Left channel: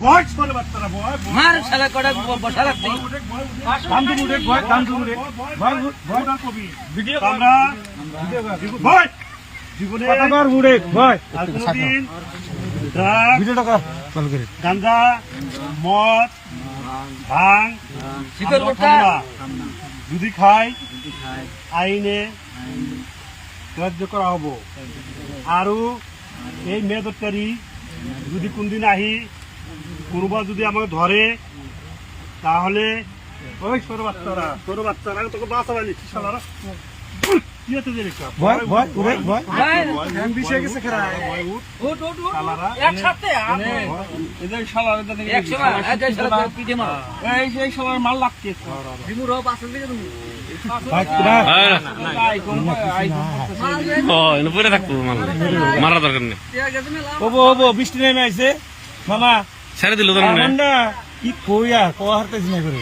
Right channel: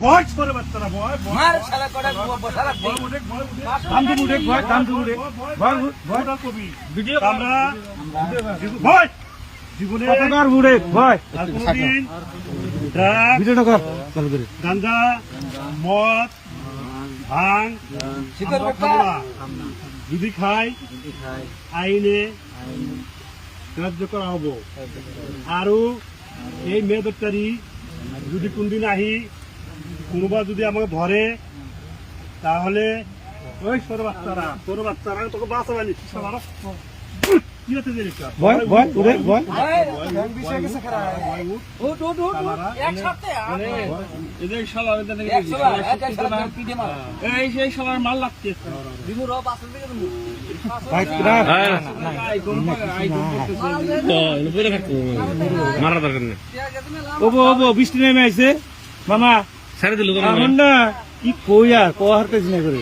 ভয় করে বাচ্চারা ভয় মার শালা করে বসা রাখবি দাম দিন উঠে ভয় দাম দিন উঠে ভয় ভয় কবি ভিডিও আমরা ভয় জীবনে কতবার উঠে ভয় আর কোনদিন ভিডিওটা কল করে গাঁজা মদ ভাঙ শিকার খামরা যদি খাই আইনে কার্য করা হবো আৰু এই মে দপ্তরি যদি কোনদিন আহি কোনোবা যদি আমাকে ধরে তাহলে ওই ছোট বাচ্চারা তোকে বাঁচাবে নিচ্ছিস আমার কি হতে দেরি মাল লাগছে মারা দরকার নেই বৃষ্টি নেমে আসছে মামা ছেড়ে দিল না কি কই আর কোয়ার কাজ না করে